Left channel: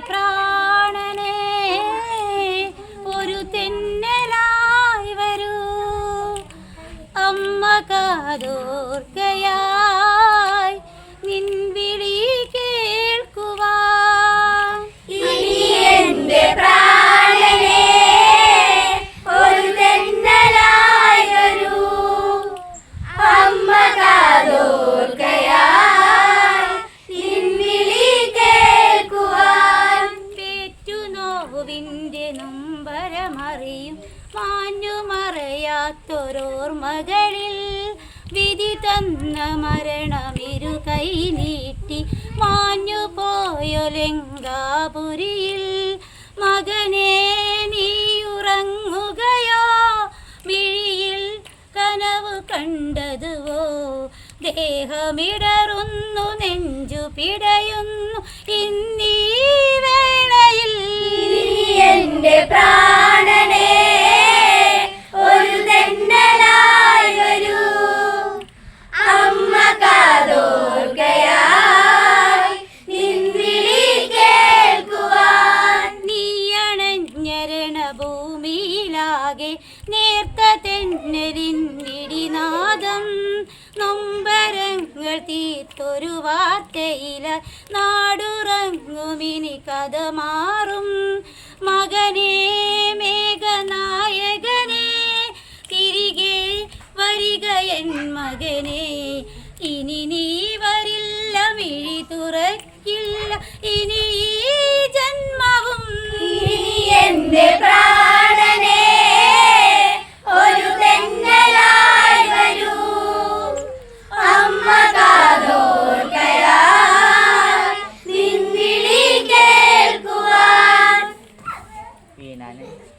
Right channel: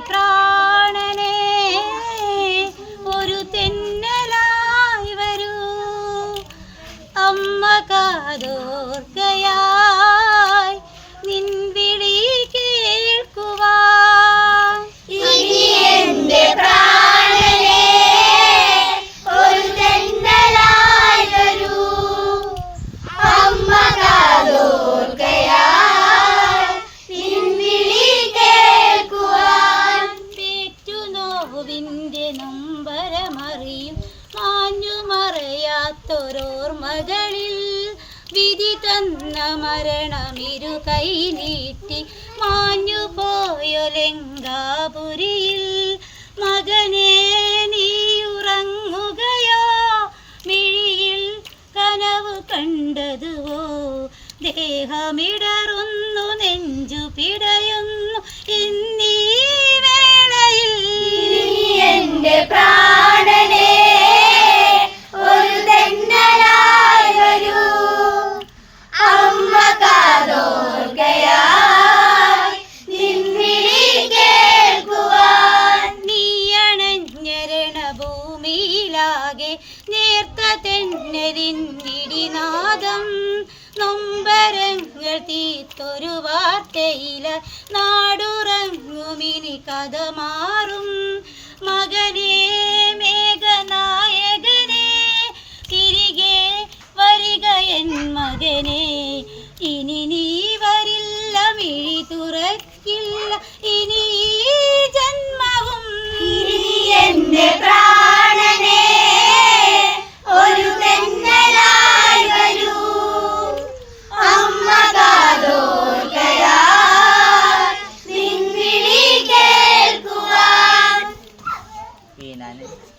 പ്രാണനെ ഒരു തെന്നലായി വരൂ. അമ്മ കാതോർക്കയായി മറയാത്തൊരോർമകളിൽ വിധി തന്ന മരണമിരു കൈ നീട്ടി മാഞ്ഞു പോയൊലെങ്കാപുരിയിൽ മകനെ നീയുറങ്ങുകയോ മിഴിയിൽ കനവ് കണ്ടതുവോ? ദേഹമിടറുന്നു നെഞ്ചു പിടയുന്നു ഇന്നീ ഭൂമിയിലാകെ നേർത്ത തെന്നലിന്നിടിനാദം നൊമ്പരങ്ങൾ തീത്തൊരു വാർത്തയില നാടുറങ്ങുമിനി കഥ I.